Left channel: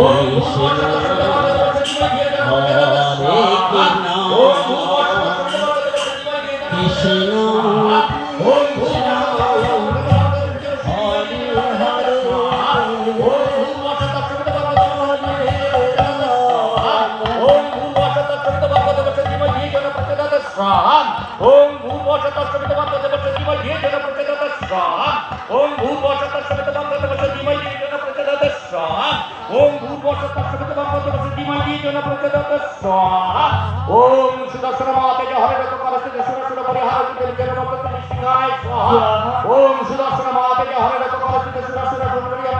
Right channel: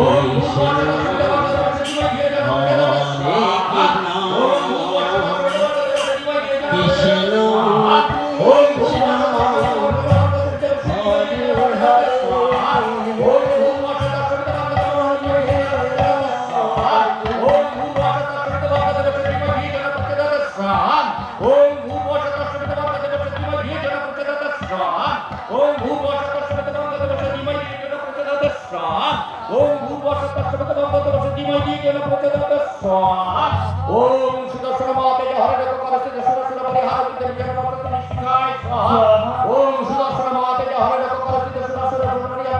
Oh, স্বাহা ওম সুদর্শন মাতায় হরে রত করস্তে সুর সুর পরিহার দেবী জন মত সিংহায় ওম সুদর্শন মাতায় হরে রত করস্তে সুর সুর সিংহায়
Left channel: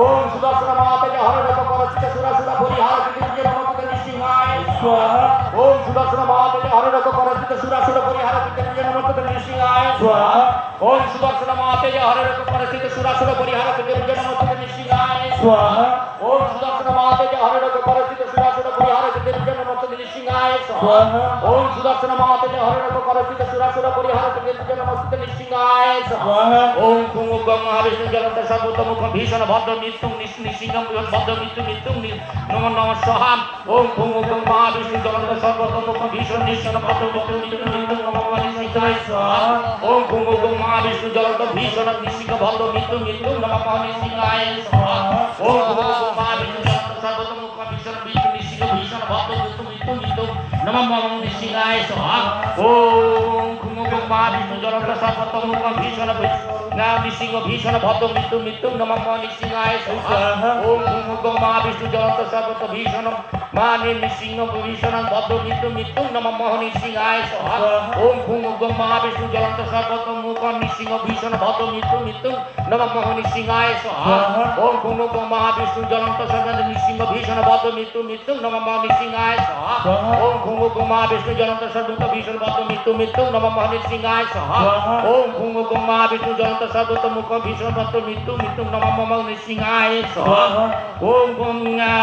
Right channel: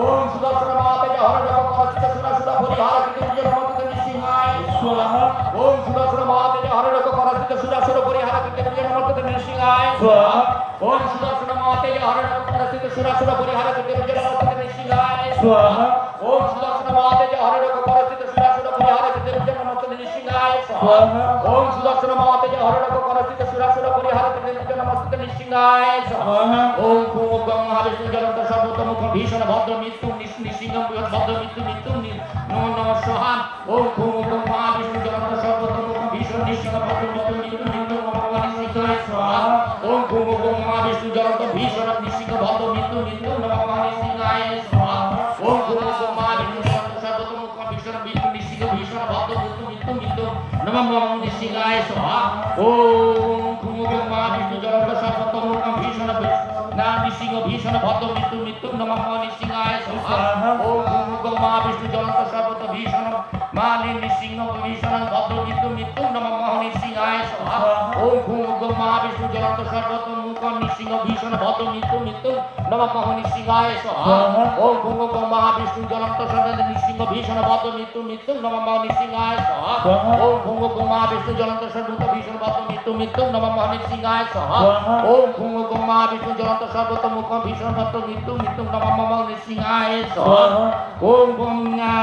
ওম সুর পরিহার দেবী জন সিংহায় ওম বিদ্যুৎ নমস্তে নৃসিংহায় ओम सुदर्शन माते हरे रघु परिस्थित सुरासुर परिहार कृत विजय नमस्ते निशिलाय स्वाहा ओम सुदर्शन माते हरे रघु परिस्थित सुरासुर परिहार कृत विजय नमस्ते निशिलाय स्वाहा ओम सुदर्शन माते हरे रघु परिस्थित सुरासुर परिहार कृत विजय नमस्ते निशिलाय स्वाहा ओम कुमुगं महाविष्णु जगत सर्वोत्तमुख भीषण भद्र नित्यं निशिंगं भद्र मृत्यु मृत्यु नमो नमः स्वाहा ओम कुमुगं महाविष्णु जगत सर्वोत्तमुख भीषण निशिंगं भद्र मृत्यु मृत्यु বিদ্যায় স্ব ওম ঘুম ঘুম মহাবিষ্ণু জলন্ত ভীষণ নিশিক ভক্ত মৃত্যু মৃত্যু নম পাহনি সিংহায় স্ব ওম ঘুম ঘুম মহাবিষ্ণু জলন্ত সর্বতম মুখ ভীষণ মৃত্যু নিশিক ভীষণ ভক্ত মৃত্যু মৃত্যু মৃত্যু নম পাহনি সিংহায় স্ব ওম কুমুগং মহাবিষ্ণু জলন্ত সর্বতমুখ ভীষণ না নৃসিংহ ভীষণ ভদ্র মৃত্যু মৃত্যু নম নৃসিংহায় ওম ভূমুগং মা বিষ্ণু জ্বলন্ত সর্বত ভীষণ। মা নৃসিংহ ভীষণ ভদ্র মৃত্যু মৃত্যু নম নৃসিংহায় ওম ভূমুগং মা বিষ্ণু জ্বলন্ত সর্বত মুখ নৃসিংহ ভীষণ ভদ্র মৃত্যু মৃত্যু নম নৃসিংহায় ওম ভূমুগং মা বিষ্ণু জ্বলন্ত সর্বত নৃসিংহ ভীষণ ভদ্র মৃত্যু মৃত্যু নম নৃসিংহায় ওম ভূমুগং মা বিষ্ণু জ্বলন্ত সর্বত ভীষণ ভদ্র মৃত্যু মৃত্যু নম নৃসিংহাসহ ওং ঘুম গুমা বিষ্ণু জয়ন্ত সর্বত মুখ ভীষ্ম ভক্ত মৃত্যু মৃত্যু নমম নৃসিংহায় সহ ওং ঘুম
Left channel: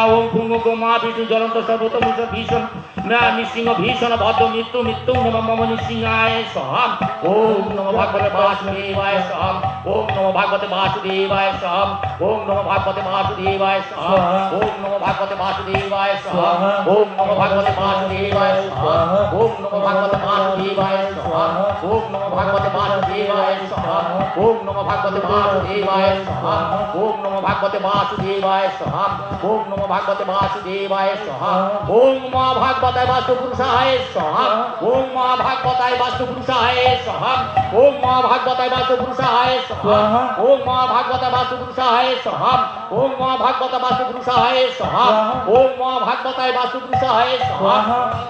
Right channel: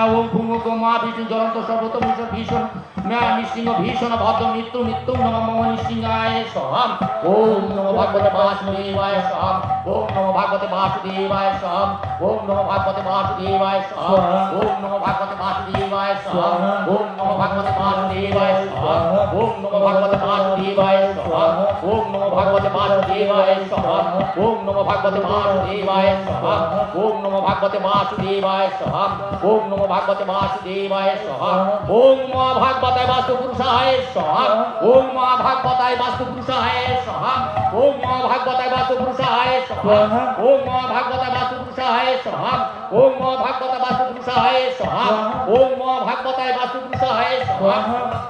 ওং ঘুম গুমা বিষ্ণু জয়ন্ত সর্বত মুখ ভীষ্ম নৃসিংহ ভীষণ ভদ্র মৃত্যু মৃত্যু নম নৃসিংহায় স্বাহা ওম নম ভাগবতে বাসুদেবায় স্বাহা ওম নম ভাগবতে বাসুদেবায় স্বাহা ওম নম ভাগবতে বাসুদেবায় স্বাহা ওম নম ভাগবতে বাসুদেবায় স্বাহা ওম নম ভাগবতে বাসুদেবায় স্বাহা ওম নম ভাগবতে বাসুদেবায় স্বাহা ওম নম ভাগবতে বাসুদেবায় স্বাহা ওম নম ভাগবতে বাসুদেবায় স্বাহা ওম নম ভাগবতে বাসুদেবায় স্বাহা ওম নম ভাগবতে বাসুদেবায় স্বাহা ওম মা ভাগবতায় भागवताय वास्तुपुरुषाय सहम ओम महाभागवताय वास्तुपुरुषाय सहम ओम महाभागवताय वास्तुपुरुषाय सहम ओम महाभागवताय वास्तुपुरुषाय सहम ओम महाभागवताय वास्तुपुरुषाय सहम ओम महाभागवताय वास्तुपुरुषाय सहम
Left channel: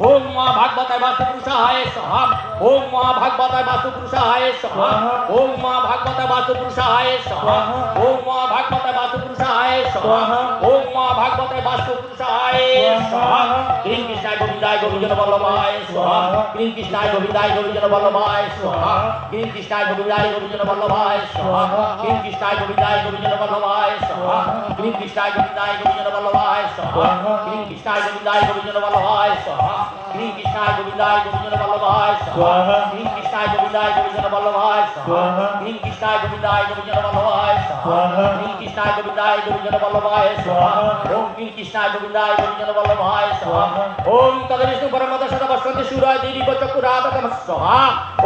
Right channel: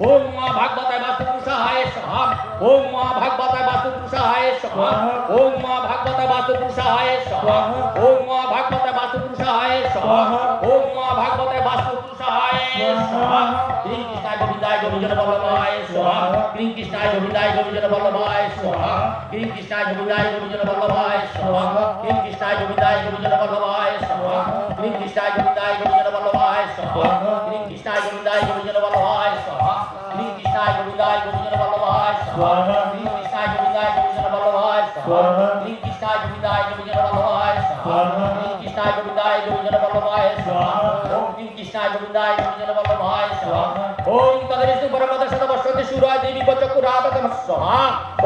ओम मां भागवताय वासुपुरुषाय सहम ओम मां भागवताय वासुपुरुषाय सहम ओम मां भागवताय वासुपुरुषाय सहम ओम मां भागवताय वासुपुरुषाय পুরুষায় স্বাহা ওম মা ভাগবতায় বাস্তু পুরুষায় স্বাহা ওম মা ভাগবতায় বাস্তু পুরুষায় স্বাহা ওম মা ভাগবতায় বাস্তু পুরুষায় স্বাহা কৃষ্ণ কৃষ্ণায় গোবিন্দায় গোবিন্দ বল্লভায় স্বাহা কৃষ্ণ কৃষ্ণায় গোবিন্দায় গোবিন্দ বল্লভায় স্বাহা কৃষ্ণ কৃষ্ণায় গোবিন্দায় গোবিন্দ বল্লভায় স্বাহা কৃষ্ণ কৃষ্ণায় গোবিন্দায় গোবিন্দ বল্লভায় স্বাহা কৃষ্ণ কৃষ্ণায় গোবিন্দায় গোবিন্দ বল্লভায় স্বাহা কৃষ্ণ কৃষ্ণায় গোবিন্দায় গোবিন্দ বল্লভায় স্বাহা श्री कृष्णाय गोविंदाय गोविंदन वल्लभाय स्वाहा श्री कृष्णाय गोविंदाय गोविंदन वल्लभाय स्वाहा श्री कृष्णाय गोविंदाय गोविंदन वल्लभाय स्वाहा श्री कृष्णाय गोविंदाय गोविंदन वल्लभाय स्वाहा ओम श्री कृष्णाय गोविंदाय गोविंदन वल्लभाय स्वाहा ओम तदविष्णु परमद सदवस्वन्ति सूराय देवी चक्रातकम स्वाहा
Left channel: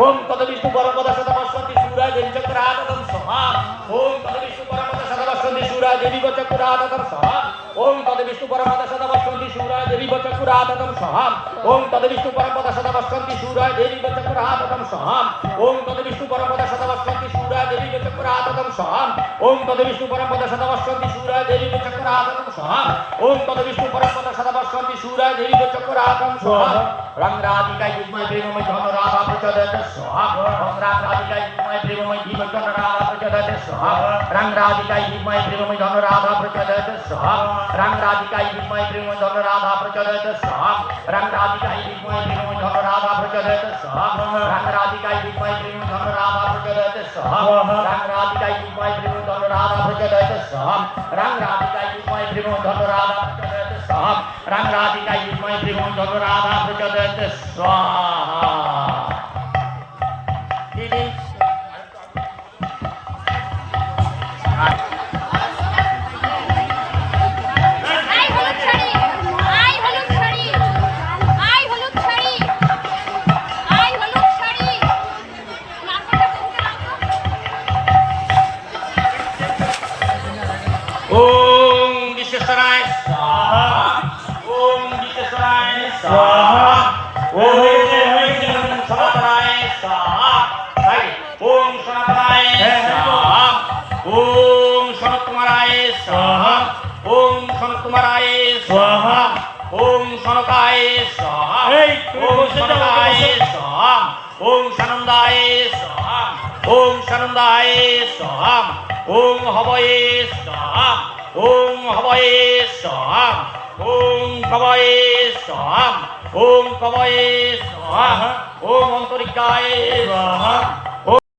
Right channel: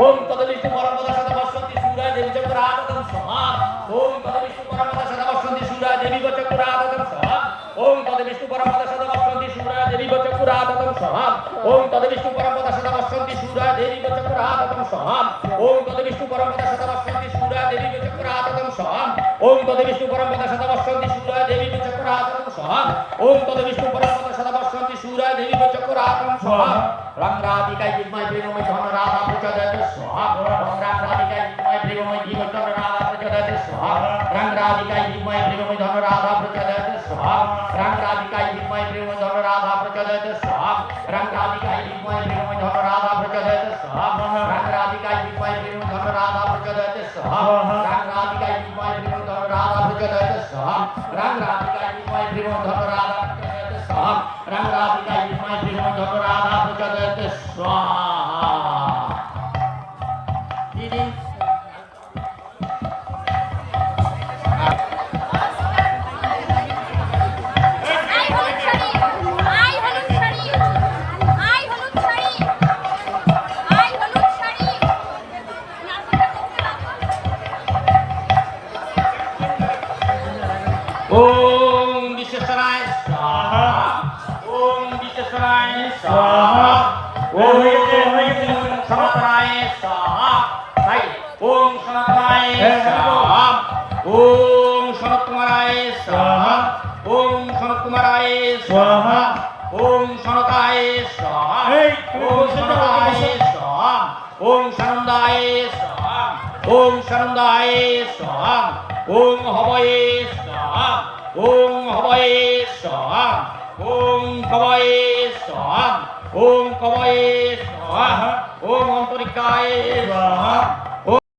ओम तदविष्णु परमद सदवस्वन्ति सूराय देवी चक्रातकम स्वाहा ओम तदविष्णु परमद सदवस्वन्ति सूराय देवी चक्रातकम स्वाहा ওং তদ বিষ্ণু পরমপদ সদা বসন্তি সুরায় দেবী বচকুরাতম সহাম ওং তদ বিষ্ণু পরমপদ সদা বসন্তি সুরায় দেবী বচকুরাতম সহাম ওং তদ বিষ্ণু পরমপদ সদা বসন্তি সুরায় দেবী বচকুরাতম সহাম ওং তদ বিষ্ণু পরমপদ সদা বসন্তি সুরায় দেবী বচকুরাতম সহাম ওং তদ বিষ্ণু পরমপদ সদা বসন্তি সুরায় দেবী বচকুরাতম সহাম রং রাধিকা যুগ্ময় প্রেমময় ধন রাধা প্রচোদয় সহাম রং রাধিকা যুগ্ময় প্রেমময় জীবন রাধা प्रचोदयत स्वाहा रंगराजिकाई विमय प्रेमय धन राधा प्रचोदयत स्वाहा रंगराजिकाई विमय प्रेमय धन राधा प्रचोदयत स्वाहा रंगराजिकाई विमय प्रेमय धन राधा प्रचोदयत स्वाहा रंगराजिकाई विमय प्रेमय धन राधा प्रचोदयत स्वाहा रंगराजिकाई विमय प्रेमय धन राधा प्रचोदयत स्वाहा रंगराजिकाई विमय प्रेमय धन राधा प्रचोदयत स्वाहा रंगराजिकाई विमय प्रेमय धन राधा प्रचोदयत स्वाहा ওম বিশেষরায় ওম বিশেষরায় ওম সনাতনায় ওম সনাতনায় ওম সনত কুমারায় ওম সনত কুমারায় স্বাহা। ওম সনকায় ওম সনকায় ওম সানন্দায় ওম সানন্দায় ওম হবয়ে স্বাহা। ওং হবয়ে স্বাহা ওং কবয়ে স্বাহা ওং কবয়ে স্বাহা ওং অন্তরিকায় স্বাহা